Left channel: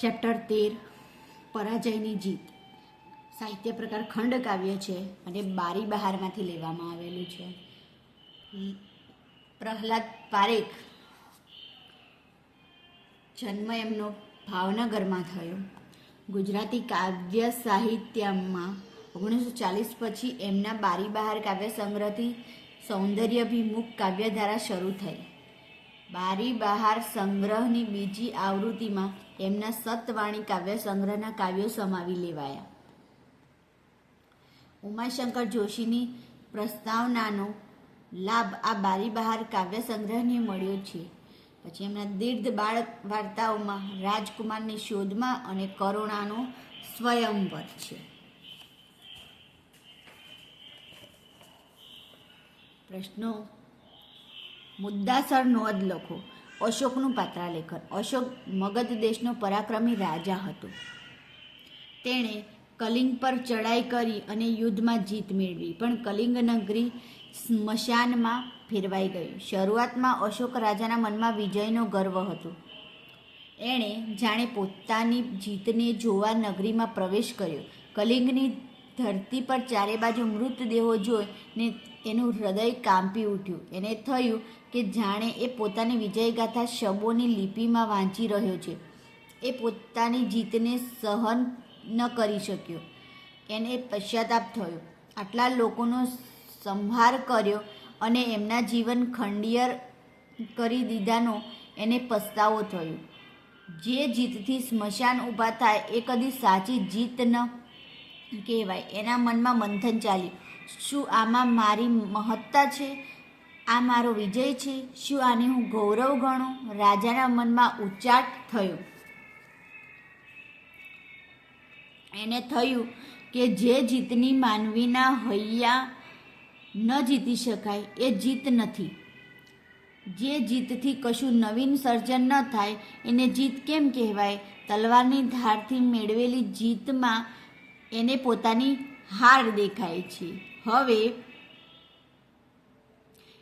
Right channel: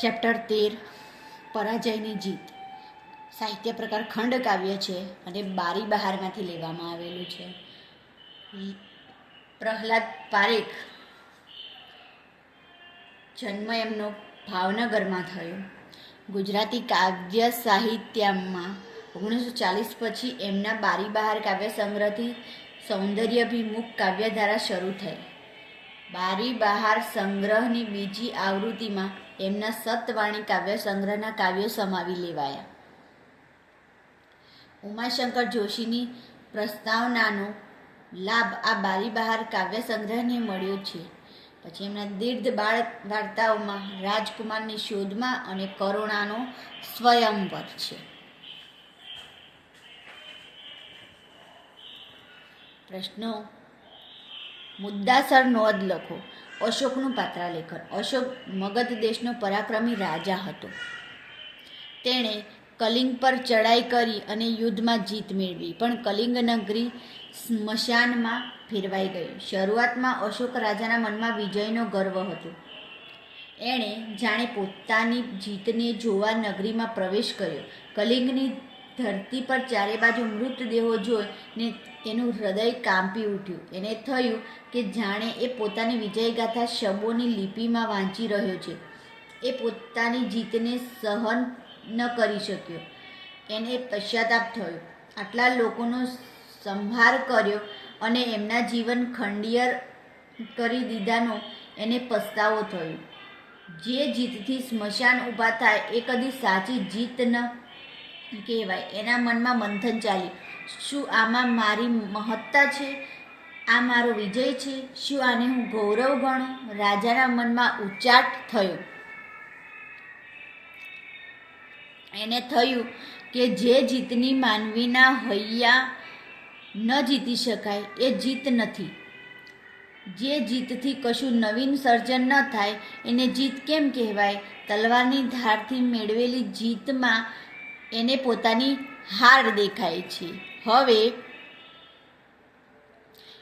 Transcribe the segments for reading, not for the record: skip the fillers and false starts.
Chapter 13 પરાજયની જીત. સાહિત્ય પ્રકાર ખંડકાવ્ય છે અને બારી બહારમાંથી લેવામાં આવેલું છે. પ્રહલાદ પારેખ જન્મ એમનો ભાવનગરમાં થયો. ગુજરાતી કાવ્ય સાહિત્યમાં 1940 પછી એમના બારી બહાર કાવ્ય સંગ્રહથી સૌંદર્યાભિમુખ કાવ્યધારા શરૂ થઈ. બારી બહાર સંગ્રહની બીજી આવૃત્તિમાં એમના સતવાણી કાવ્ય સંગ્રહના કાવ્યો સમાવી લેવાયા. ઉમાશંકર જોશીની પ્રસ્તાવનાનો લાભ આ બારી બહાર કાવ્ય સંગ્રહને મળ્યો છે. પછી એમના દીર્ઘ બાળ વાર્તાઓમાં રાજકુમારની શોધમાં અને કરુણાનો સ્વયંવર છે. પ્રશ્નો. મુદ્દાસર નોંધ લખો. અશોકનું પાત્રાલેખન. અશોક મગધ દેશનો પરાક્રમી રાજા હતો. તેણે કલિંગ પર ચડાઈ કરી અને યુદ્ધમાં જીત મેળવી, પણ કલિંગ નગરી સ્મશાનમાં ફેરવાઈ ગઈ. શરૂઆતમાં અશોક રાજાના મનમાં વિજયનો ગર્વ હતો. એણે જાણે પોતાની જીતને જોવા નગરીમાં પ્રવેશ કર્યો. કલિંગની ધરતી પર ચારે બાજુ મૃતદેહો જોઈને એનું હૃદય કાંપી ઉઠ્યું. એને થયું કે જાણે એ પોતાની વિજયગાથા શબોની લિપિમાં વાંચી રહ્યો છે. એ પોતાની જીતને સહન ન કરી શક્યો. એને પશ્ચાતાપ થયો. આટલા લોકોનો સંહાર કર્યો અને એમના જીવન ખંડિયર કરી દીધાનો એને પસ્તાવો થયો. જે જીતથી સ્મશાન ઊભા થાય એ કદી સાચી જીત ન કહેવાય. એના મનમાં મંથન ચાલ્યું. શું આમાં મારી મહત્તા છે? આ મારો વિજય છે? શું આને હું ગૌરવ ગણું? રાજાના મનમાં ઉચાટ થયો. એને થયું કે જે જીતની માનવીના હૈયા ન જીતી શકાય એ જીત નથી. જે જીતથી કશું નવીન સર્જન ન થાય એને જીત કેમ કહેવાય? તલવારની ધારથી મેળવેલી જીતમાં એને પોતાની હાર દેખાય છે. હવે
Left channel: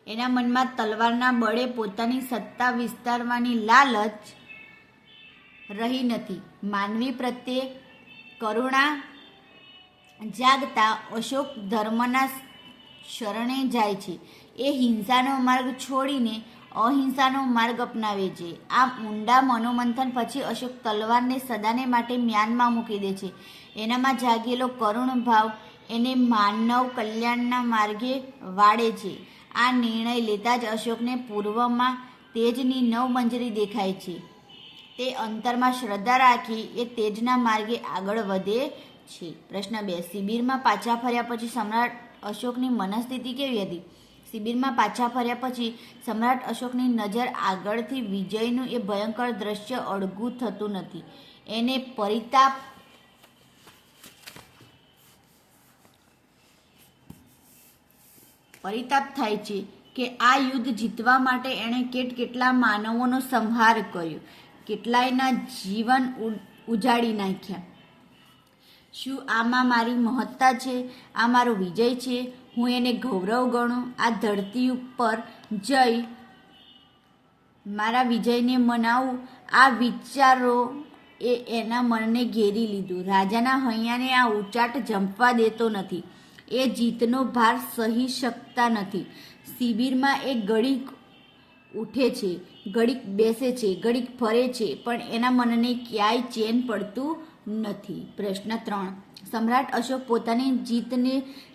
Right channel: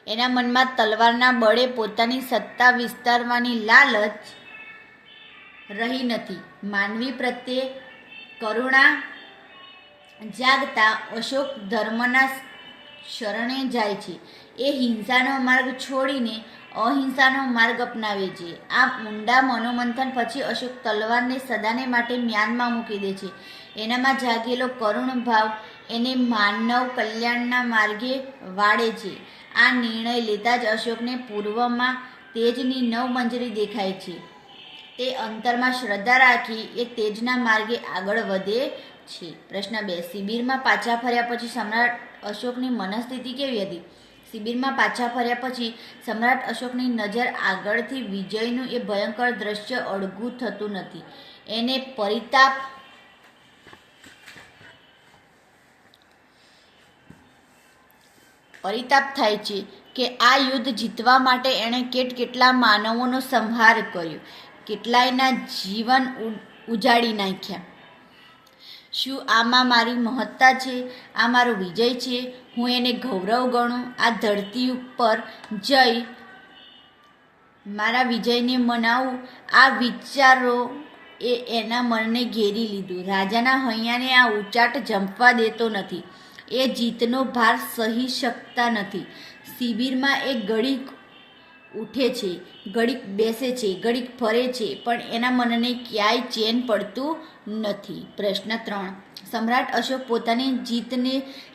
એના મનમાં તલવારના બળે પોતાની સત્તા વિસ્તારવાની લાલચ રહી નથી. માનવી પ્રત્યે કરુણા જાગતા અશોક ધર્મના શરણે જાય છે. એ હિંસાનો માર્ગ છોડીને અહિંસાનો માર્ગ અપનાવે છે. આ ઊંડા મનોમંથન પછી અશોક તલવારને સદાને માટે મ્યાનમાં મૂકી દે છે. એનામાં જાગેલો કરુણ ભાવ એને માનવ કલ્યાણના માર્ગે વાળે છે. આ નિર્ણય લેતા જ અશોકને પૂર્વમાં તેજની નવમંજરી દેખાય છે. તે અંતરમાં શ્રદ્ધા રાખી એ તેજના માર્ગે આગળ વધે છે. પ્રશ્ન 2. શિબિરમાં પાછા ફર્યા પછી સમ્રાટ અશોકની મનસ્થિતિ કેવી હતી? શિબિરમાં પાછા ફર્યા પછી સમ્રાટ અશોકની નજર આગળથી વિજયનું એ ભયંકર દ્રશ્ય અડગું થતું નથી. એને પરિતાપ થાય છે કે આ યુદ્ધ જીતવા માટે એણે કેટલા માનવોનો સંહાર કર્યો, કેટલાયના જીવન ઉજાડી નાખ્યા. શું આમાં મારી મહત્તા છે? આ મારો વિજય છે? હું એને ગૌરવ ગણું? આ ધરતી ઉપર જઈ મારા વિજયને મનાવું? આ વિચારો એના મનને ઘેરી લીધું. રાજાના હૈયાને આ ઉચાટ જંપવા દેતો નથી. એ જીતનો ભાર સહી શકતા નથી. શિબિરમાં એ ઘડીક ઉઠે છે, ઘડીક બેસે છે, ઘડીક ફરે છે, પણ એના મનને ક્યાંય ચેન પડતું નથી. પ્રશ્ન 3. સમ્રાટ અશોક પોતાની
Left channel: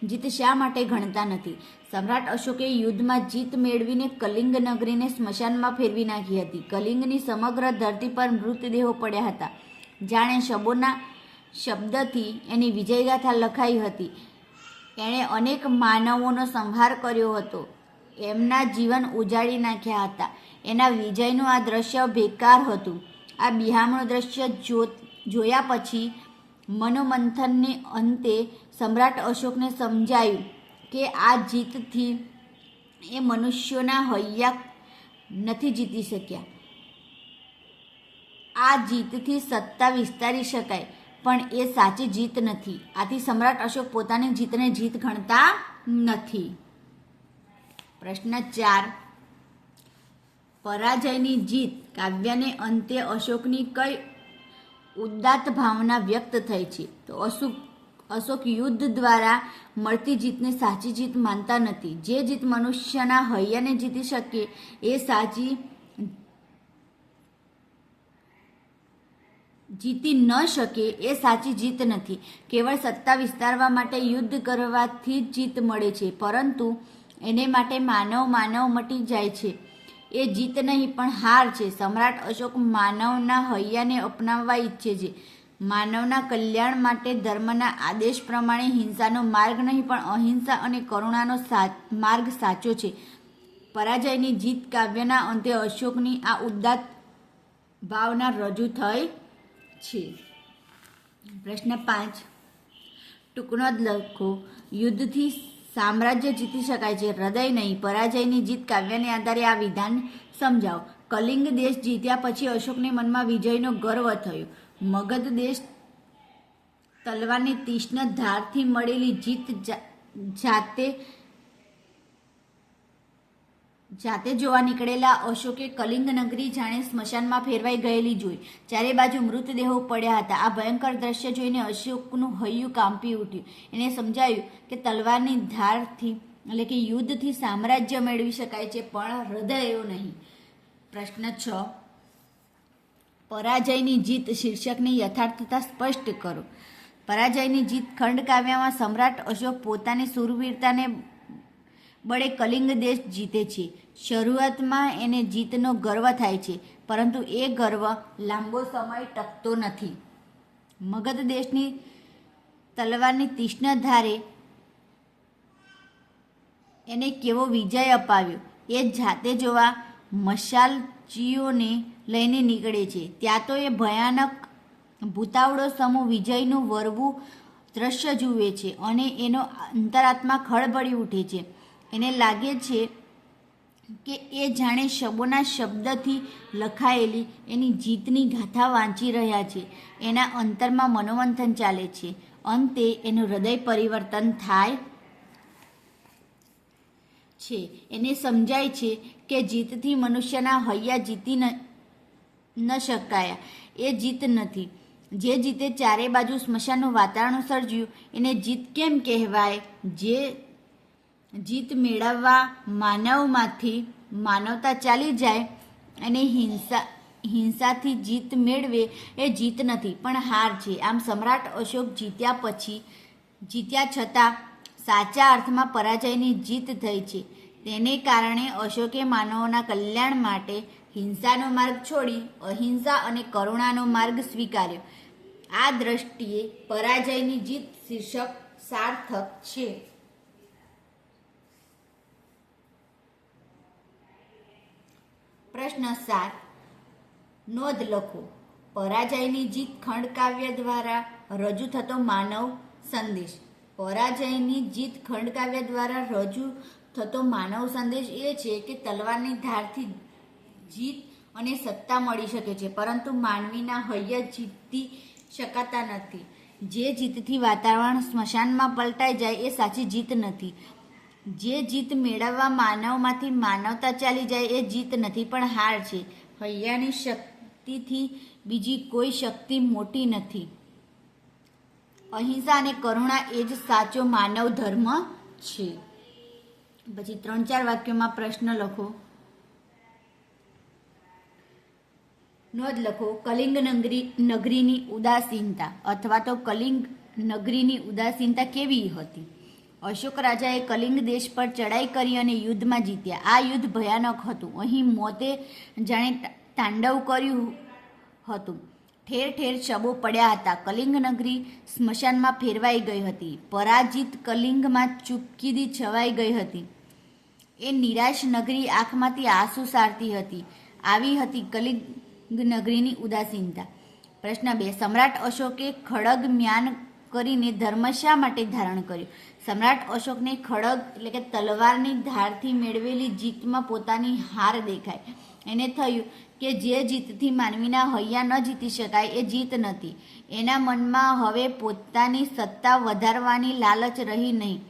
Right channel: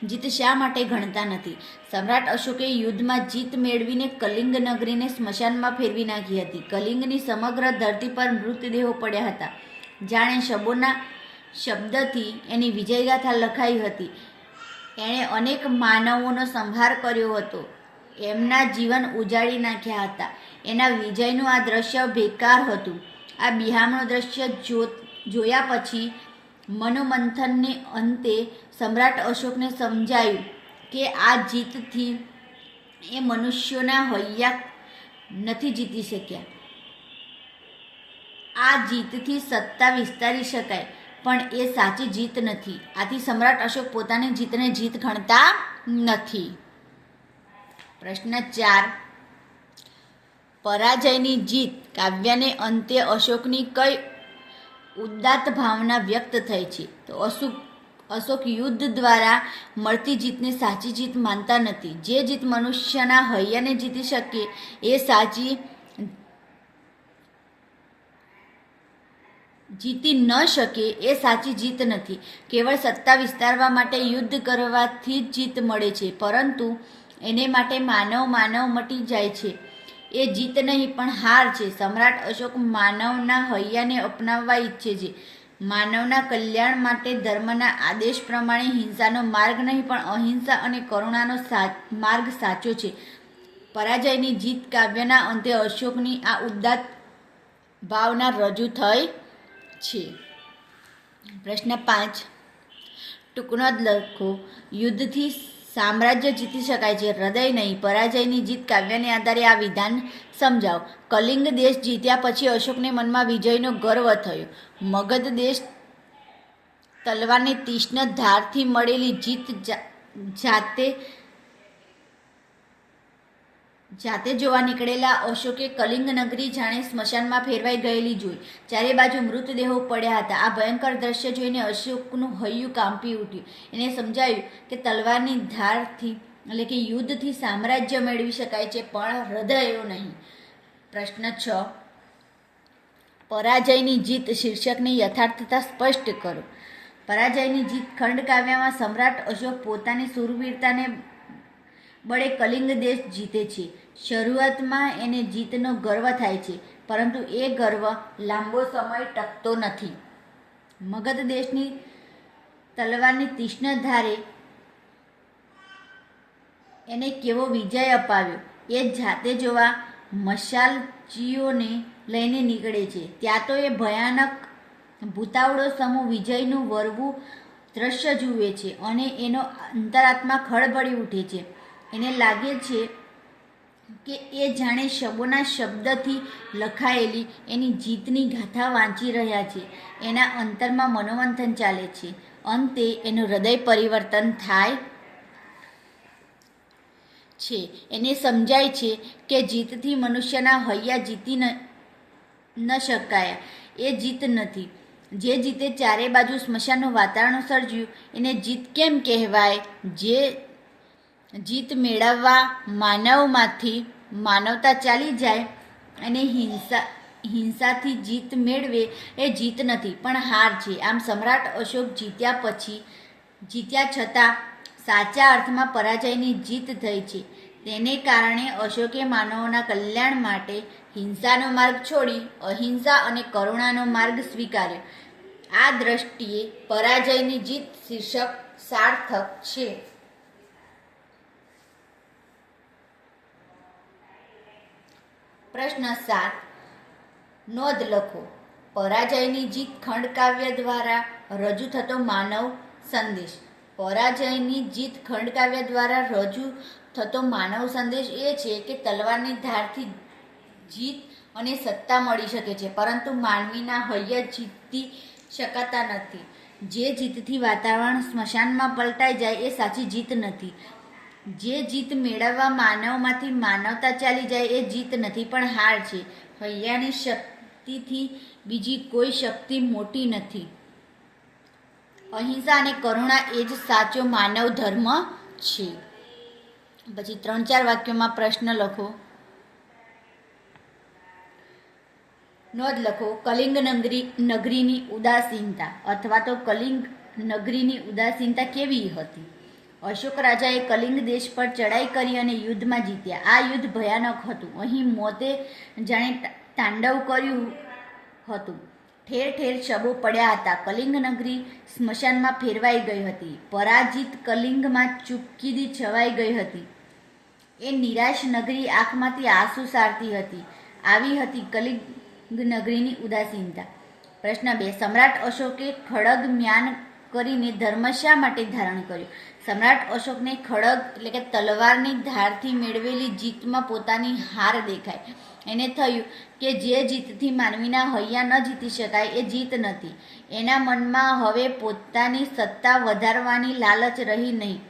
જીત શા માટે ગણતા નથી? સમ્રાટ અશોકે યુદ્ધમાં જીત મેળવીને કલિંગ નગરીને સ્મશાનમાં ફેરવી નાખી હતી. કલિંગની સમગ્ર ધરતી પર મૃતદેહો પડ્યા હતા. જાણે શબોના શબ્દથી એની વિજયગાથા લખાઈ હતી. એણે અનેક માનવોનો સંહાર કર્યો હતો. એમના જીવન ઉજાડી નાખ્યા હતા. એના વિજયનું આ દ્રશ્ય બેકાર હતું. આ બિહામણું દ્રશ્ય જોયા પછી મનોમંથનને અંતે સમ્રાટ અશોકને સમજાયું કે આ જીતથી એ મનુષ્યોના હૈયા નથી જીતી શક્યા. આ જીતથી સત્તા વિસ્તારી શકાય, પણ એ સાચી જીત નથી. આથી સમ્રાટ અશોક પોતાની જીતને જીત ગણતા નથી. પ્રશ્ન 4. પરાજયની જીત કાવ્યને અંતે અશોકની કઈ ઉદાત્ત ભાવના વ્યક્ત થઈ છે. તો અશોક યુદ્ધ દ્વારા મળતી જીતને સાચી જીત માનતા નથી. જે જીત મનુષ્યના હૈયાને જીતી શકે એ સાચી જીતી ન શકે એ સાચી જીત નથી. કેવળ સત્તા વિસ્તારવા માટે યુદ્ધ કરવાથી જ જીત મળે છે, પરંતુ એને માટે માનવ મટી જાય છે એ જીત નહીં પણ હાર છે. સમ્રાટ અશોક માનવના હૈયાને અપનાવવા ઈચ્છે છે. માનવના કલ્યાણ માટે ધર્મના આદેશ પ્રમાણે હિંસાનો માર્ગ નહીં પણ અહિંસા અને કરુણાનો માર્ગ સાચો છે. પરાજયની જીત કાવ્યના અંતે અશોકની આ ઉદાત્ત ભાવના રજૂ થઈ છે. પ્રશ્ન 5, ટૂંકનોંધ લખો. યુદ્ધથી સામ્રાજ્ય જીતી શકાય છે, હૃદય નહીં. પરાજયની જીત કાવ્યને આધારે આ વિધાન સમજાવો. કલિંગ દેશ જીત્યા પછી અશોકને મનમાં વિજયનો ગર્વ થયો. મગધ દેશ તલવારની તીક્ષ્ણ ધારથી મળેલી જીત જાતે જોવા નીકળેલા અશોકે કલિંગ નગરી જાણે સ્મશાનમાં ફેરવાઈ ગયેલી જોઈ. ચારે બાજુ મૃતદેહો પડ્યા હતા. આ ભયંકર દ્રશ્ય જોઈને અશોકનું હૈયું કાંપી ઉઠ્યું. એને સમજાયું કે તલવારની ધારથી એટલે કે યુદ્ધથી સામ્રાજ્ય મેળવી શકાય છે, પણ હૃદયો નહીં. પ્રશ્ન 6, પરાજયની જીત શીર્ષકની યથાર્થતા સ્પષ્ટ કરો. પરાજયની જીત ખંડકાવ્યમાં સમ્રાટ અશોક પોતાની શૂરવીરતાને બળે કલિંગ દેશ જીતે છે. શરૂઆતમાં એને જીતનો ગર્વ થાય છે, પરંતુ એ ગર્વ લાંબો સમય ટકતો નથી. મગધ દેશની તલવારની તીક્ષ્ણ ધારે એને કેવો વિજય અપાવ્યો એ જાતે જોવા મશાલચીઓને લઈને નીકળે છે. ત્યાં તો એ ભયાનક ભૂતાવળો સમૂહ વિજયનું વરવું દ્રશ્ય જુએ છે અને એનો અંતરાત્મા ખળભળી ઉઠે છે. એને લાગે છે કે એ જાણે શબોના શબ્દથી લખાયેલી એની જીતની ગાથા વાંચી રહ્યા છે. એના અંતરમાં મનોમંથન ચાલે છે. અંતે એનું હૃદય પરિવર્તન થાય છે. એને સમજાય છે કે જીતથી મનુષ્યના હૈયા જીતી ન શકાય. એ જીત નથી. જે જીતે ચારે બાજુ સ્મશાનનું વાતાવરણ સર્જ્યું એને જીત કેમ કહેવાય? જે જીત મેળવવા માનવમાંથી માનવતા ચાલી જાય અને હિંસાથી જીત મેળવે એ જીત નથી પણ હાર છે. આમ સમ્રાટ અશોક જીત્યા છતાં સાચા અર્થમાં પરાજયની જીત થઈ છે. તેને કારણે અશોકે માનવોના કલ્યાણ માટે હિંસાનો માર્ગ છોડી અહિંસા અને કરુણાનો માર્ગ સ્વીકાર્યો. આ દ્રષ્ટિએ પરાજયની જીત શીર્ષક સાર્થક છે. પ્રશ્ન 7, નોંધ લખો. પરાજયની જીત ખંડકાવ્ય દ્વારા રજૂ થતો માનવ સંદેશ. પરાજયની જીત ખંડકાવ્ય દ્વારા રજૂ થતો માનવ સંદેશ એ છે કે તલવારની ધારથી જીત અને સત્તા મળી શકે છે, પરંતુ માનવીના હૈયા જીતી શકાતા નથી. જે જીતથી વાતાવરણ સ્મશાનમાં પલટાઈ જાય એ સાચી જીત નથી. જે જીત મેળવવા માનવમાંથી માનવતા ચાલી જાય એ જીત નથી પણ હાર છે. હૈયાની શક્તિથી બીજી કોઈ શક્તિ મોટી નથી. અહિંસા અને કરુણા એ જ સાચો માનવ ધર્મ છે. પછી 3-4 વાક્યોમાં પ્રશ્ન લખો. નોંધ લખો. કલિંગ નગરીની ઉદાસીનતા અથવા તો કલિંગ નગરીની ઉદાસીનતા કેવી હતી? અશોક રાજાએ કલિંગ દેશ પર ચડાઈ કરી અને યુદ્ધમાં જીત્યા. આ યુદ્ધ ભયાનક હતું. અહીં મોતે જાણે તાંડવ કર્યું હતું. ઠેર ઠેર શબો પડ્યા હતા. કલિંગ નગરી સ્મશાનમાં ફેરવાઈ ગઈ હતી. પરાજિત કલિંગમાં ચૂપકીદી છવાઈ ગઈ હતી. એ નિરાશ નગરી આંખમાંથી આંસુ સારતી હતી. આવી હતી કલિંગ નગરીની ઉદાસીનતા. પ્રશ્ન 2, સમ્રાટ અશોકે ખડગ મ્યાન કરીને ધર્મ શા માટે ધારણ કર્યો? સમ્રાટ અશોકને ખડગ એટલે કે તલવારની ધારથી મેળવેલી જીતમાં પોતાની હાર દેખાય. એને થયું કે જે જીતથી માનવીના હૈયા ન જીતી શકાય એ જીત નથી. એના મનમાં હવે પોતાની સત્તા વધારવાની લાલચ રહી નહીં,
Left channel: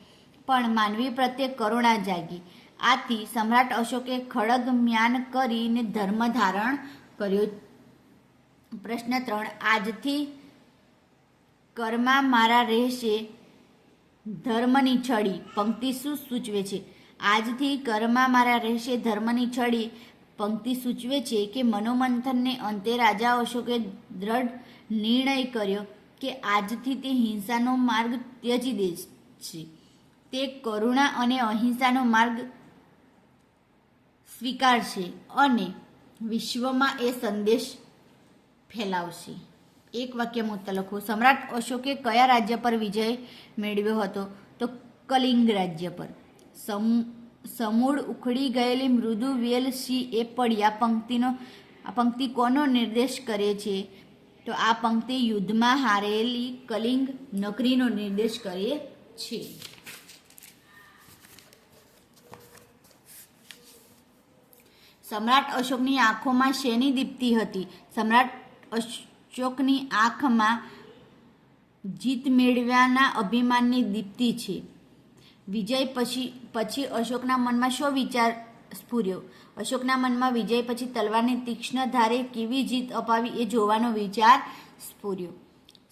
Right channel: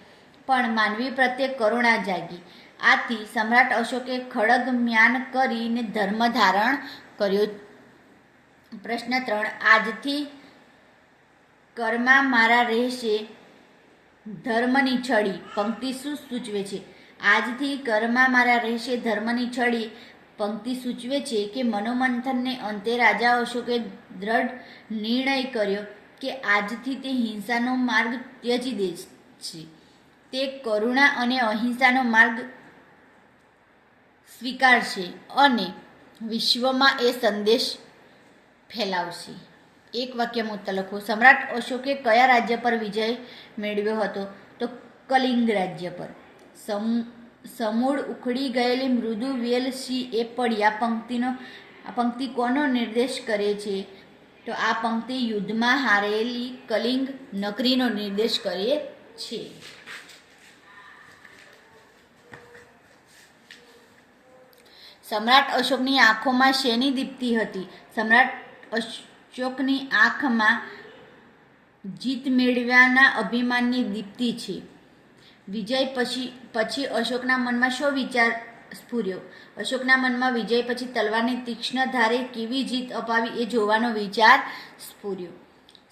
પણ માનવી પ્રત્યે કરુણા જાગી. આથી સમ્રાટ અશોકે ખડગ મ્યાન કરીને ધર્મ ધારણ કર્યો. પ્રશ્ન 3, આજથી કરમાં મારા રહેશે ધર્મની છડી. પંક્તિ શું સૂચવે છે? આજથી કરમાં મારા રહેશે ધર્મની છડી પંક્તિ સૂચવે છે કે મનોમંથનને અંતે રાજા અશોકે દ્રઢ નિર્ણય કર્યો કે આજથી તે હિંસાનો માર્ગ ત્યજી દે છે. તે કરુણા અને અહિંસાનો માર્ગ સ્વીકારશે અને વિશ્વમાં એ સંદેશ ફેલાવશે. એક વાક્યમાં ઉત્તર લખો. સમ્રાટ અશોકે કયા રાજ્ય પર વિજય મેળવ્યો હતો? તો કલિંગ રાજ્ય પર. સમૂળ ઉખડી ગયેલી મૃદુ વેલ સી એ પડી. આ પંક્તિ કોનો નિર્દેશ કરે છે? તો આ પંક્તિ યુદ્ધમાં હારેલી કલિંગ નગરીનો નિર્દેશ કરે છે. સમ્રાટ અશોકની આંખોમાં શેની દીપ્તિ હતી? સમ્રાટ અશોકની આંખમાં જીત મેળવ્યાના અભિમાનની દીપ્તિ છે. વિજય પછી અશોકના મનમાં શો વિચાર સ્ફુર્યો? અશોકના મનમાં વિજય પછી તલવારની તીક્ષ્ણ ધારે કેવી જીત અપાવી એ જોવાનો વિચાર સ્ફુર્યો.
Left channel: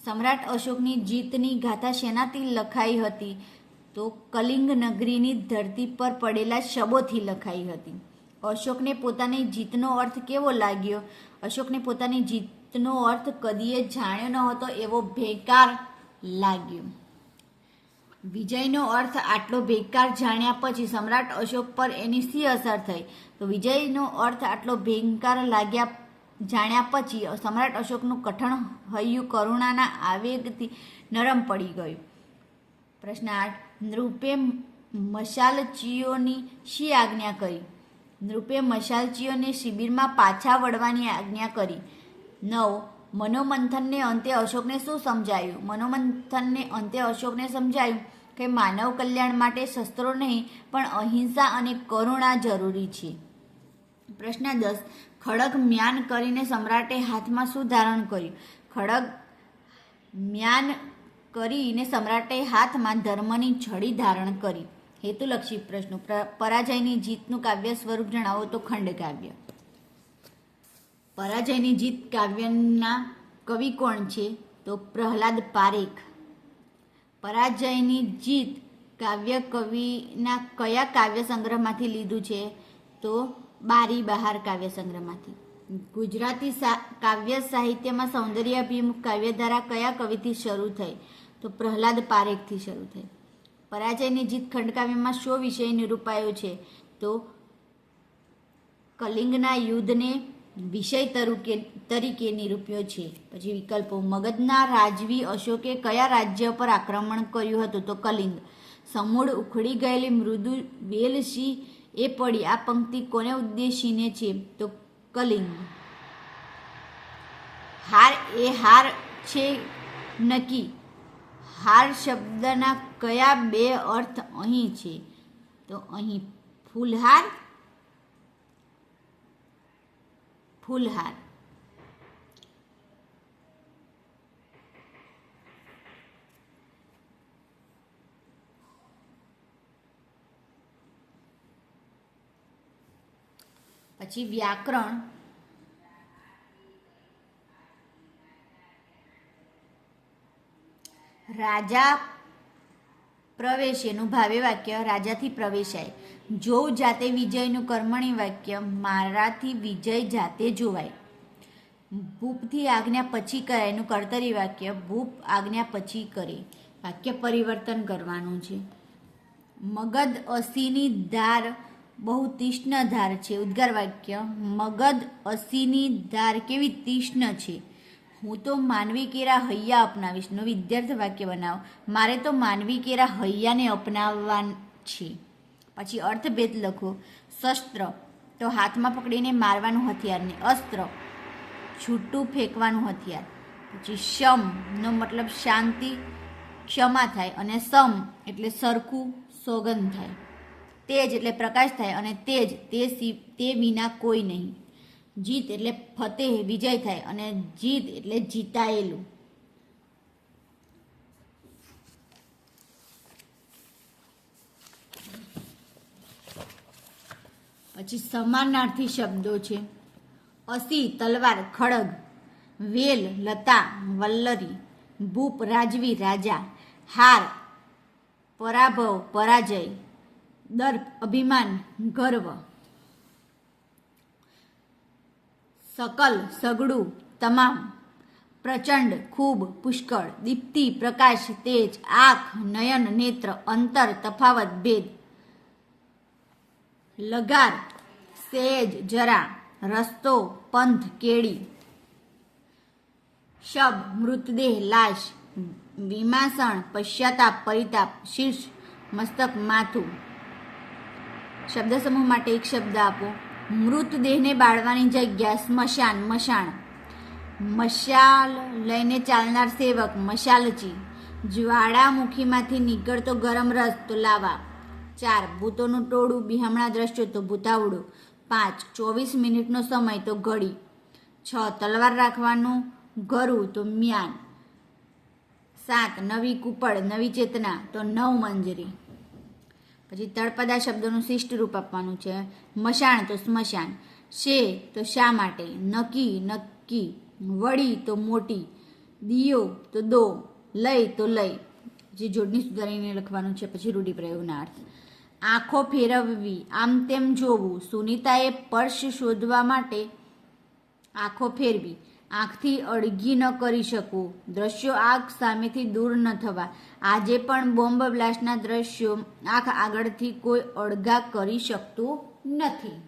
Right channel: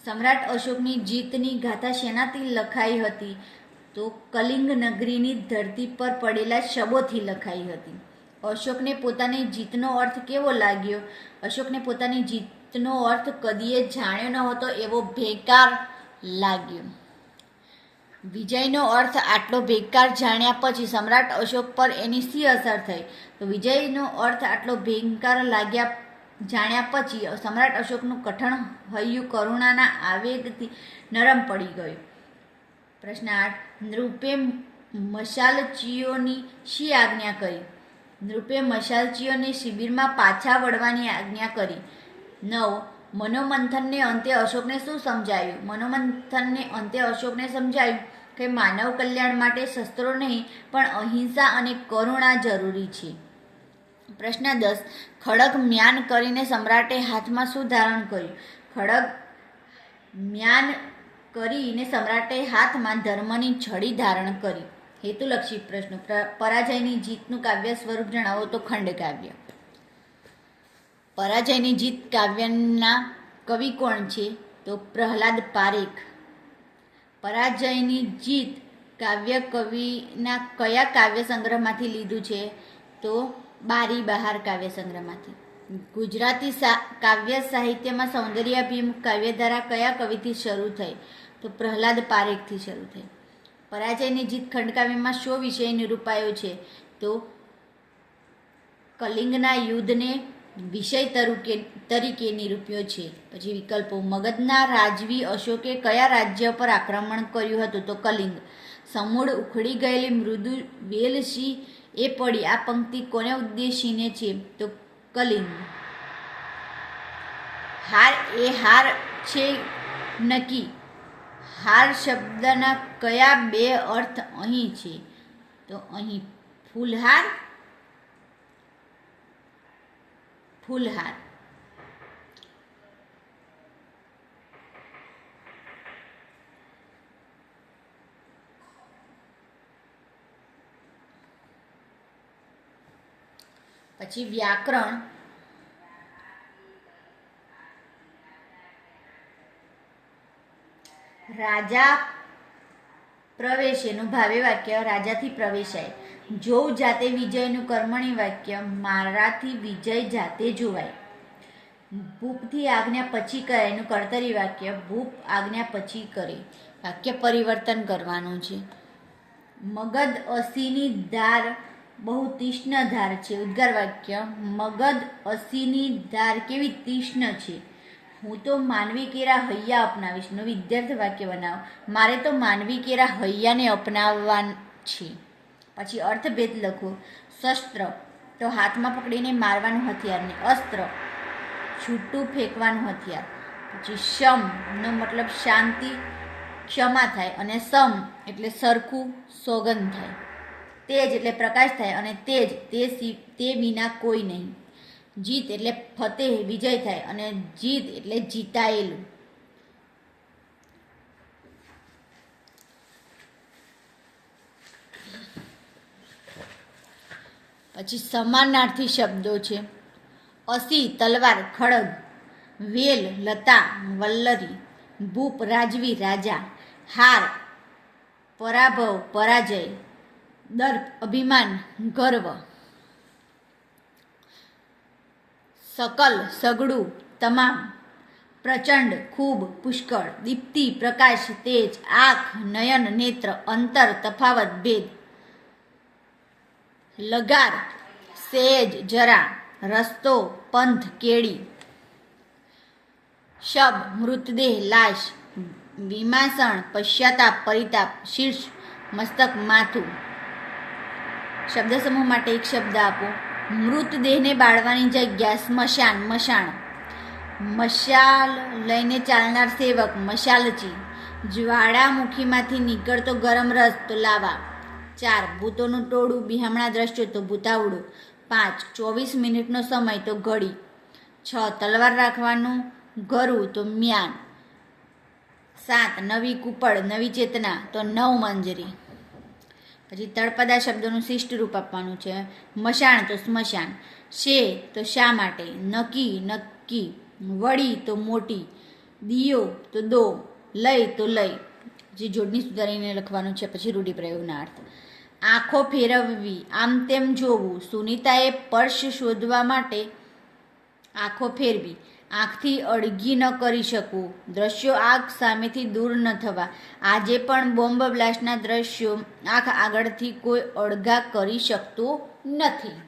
સમ્રાટ અશોકની જીતની ગાથા શેનાથી લખાઈ હતી? તો કલિંગ નગરીની ધરતી પર પડેલા શબોથી લખાઈ હતી. અશોકને પોતાની જીતનો અર્થ કેવો લાગ્યો? અશોકને પોતાની જીતનો અર્થ કદીએ જાણ્યો ન હતો એવો ભેકાર લાગ્યો. વિજયનો અર્થ આટલો ભેકાર જાણ્યા પછી સમ્રાટ અશોક પર એની શી અસર થઈ? તો વિજયનો અર્થ આટલો ભેકાર જાણ્યા પછી સમ્રાટ અશોકનું કઠણ હૈયું કરુણાના આવેગથી નરમ પડી ગયું. પ્રશ્ન 8, નૃપે મશાલચીઓની શી આજ્ઞા કરી? નૃપે મશાલચીઓને શિબિરમાં પાછા વળવાની આજ્ઞા કરી. 9, મનોમંથનને અંતે અશોકને શું સમજાયું? મનોમંથનને અંતે અશોકને સમજાયું કે માનવ કલ્યાણ માટે શસ્ત્રો નહીં પણ અહિંસા અને કરુણા જરૂરી છે. પ્રશ્ન 10, ખડગ મ્યાન કરીને સમ્રાટે હાથમાં શું ધારણ કર્યું? ખડગ મ્યાન કરીને સમ્રાટે હાથમાં ધર્મની છડી ધારણ કરી. હેતુલક્ષી પ્રશ્નો. પરાજયની જીતનું કાવ્ય સ્વરૂપ જણાવો. તો ખંડકાવ્ય. પરાજયની જીત કાવ્યના કવિ કોણ છે? તો પ્રહલાદ પારેખ. પરાજયની જીત કાવ્ય કવિના કયા કાવ્ય સંગ્રહમાંથી લીધું છે? તો બારી બહાર કાવ્ય સંગ્રહમાંથી. ગુજરાતી કાવ્ય સાહિત્યમાં સૌંદર્યાભિમુખ કાવ્યધારા કયા કવિથી શરૂ થઈ? તો પ્રહલાદ પારેખથી શરૂ થઈ. પરાજયની જીત ખંડકાવ્યમાં શો વિષય નિરૂપાયો છે? તો કલિંગના યુદ્ધને વિષય તરીકે નિરૂપ્યો છે. પછી વિકલ્પો. મગધના રાજવી અશોકે કયા રાજ્ય પર આક્રમણ કર્યું હતું? તો કલિંગ. સમૂળ ઉખડી ગયેલી મૃદુ વેલ સી એ પડી. આ પંક્તિ કોને ઉદ્દેશીને છે? તો કલિંગ. હાર એ હાર છે નક્કી. હાર શબ્દના કયા બે અર્થ અહીં છે? તો અહીં ફૂલહાર, ફૂલહાર. પછી વ્યાકરણ. રાજા પ્રવેશેનું ભાવે વાક્ય રાજાથી પ્રવેશાય. જોઉં જાતે વિજયનું કર્મણી વાક્ય મારાથી વિજય જાતે જોવાય. ભૂપથી આજ્ઞા પછી કરે એનું કર્તરી વાક્ય ભૂપ આજ્ઞા પછી કરે. વાક્ય પરિવર્તન કરવાનું છે. મગધ અસીની ધાર બહુ તીક્ષ્ણ ધાર છે. ઉદ્ગાર વાક્ય મગધ અસીની ધાર કેવી તીક્ષ્ણ છે. હું તો માનવી કેરા હૈયા અપનાવીશ. નું વિદ્યાર્થ વાક્ય બનાવો. મારે તો માનવી કેરા હૈયાને અપનાવવા છે. પછી અર્થભેદ લખો. શસ્ત્ર તો હાથમાં પકડીને મારવાનું હથિયારને. અસ્ત્ર છૂટું ફેંકવાનું હથિયાર. પછી શમ નો મતલબ શાંતિ, ક્ષમા થાય. અને સમ એટલે સરખું, સોગંદ થાય. તેજ એટલે પ્રકાશ થાય. અને તેજ તે વિના કોઈ નહીં. જીત એટલે ફતેહ, વિજય થાય. અને જીત એટલે જીતાયેલું. પછી સમાનાર્થી શબ્દો છે. અસી તલવાર, ખડગ. વેલ લતા વલ્લરી, ભૂપ રાજવી રાજા, હાર પરાભવ પરાજય, દર્પ અભિમાન ગર્વ, સકલ સગડું તમામ, પ્રચંડ ખૂબ પુષ્કળ, દીપ્તિ પ્રકાશ તેજ, આંખ નયન નેત્ર, અંતર તફાવત ભેદ, લગાર સેજ જરા, રસ્તો પંથ કેડી, શબ મૃતદેહ લાશ, વિમાસણ પશ્ચાતાપ પરિતાપ, શીર્ષ મસ્તક માથું. શબ્દ સમૂહ માટે એક શબ્દ આપો. મૃતદેહને બાળવાની જગ્યા સ્મશાન મશાણ, મશાલ લઈને ચાલનાર સેવક મશાલચી, જ્વાળામુખીમાંથી નીકળતો ગરમ રસ તો લાવા. 4 ભૂતોનું ટોળું બિહામણા દ્રશ્યો તો ભૂતાવડું. 5 24 મિનિટનો સમય તો ઘડી. 6 તલવાર રાખવાનું ગરું તો મ્યાન. 7 નવી કુપડ નવી ચેતના તો નવ મંજરી. પછી તળપદા શબ્દોનું શિષ્ટ રૂપ આપવાનું છે. મશાણ તો સ્મશાન, શે તો શા માટે, નકી નક્કી, વળી તો મોટી, દિયો તો દો, લય તો લય. જે જોડણી સુધારીને લખવાનું છે. પછી રૂઢિપ્રયોગના અર્થ. આંખો ફેરવવી આમ તેમ જોવું. સુનિતાએ પર્સ શોધવા માટે આંખો ફેરવી. આંખથી અળગી ન કરી શકવું. દ્રશ્યો આંખ સામેથી દૂર ન થવા. આજે પણ બોમ્બ બ્લાસ્ટના દ્રશ્યો આંખ આગળથી કોઈ અળગા કરી શકતું નથી.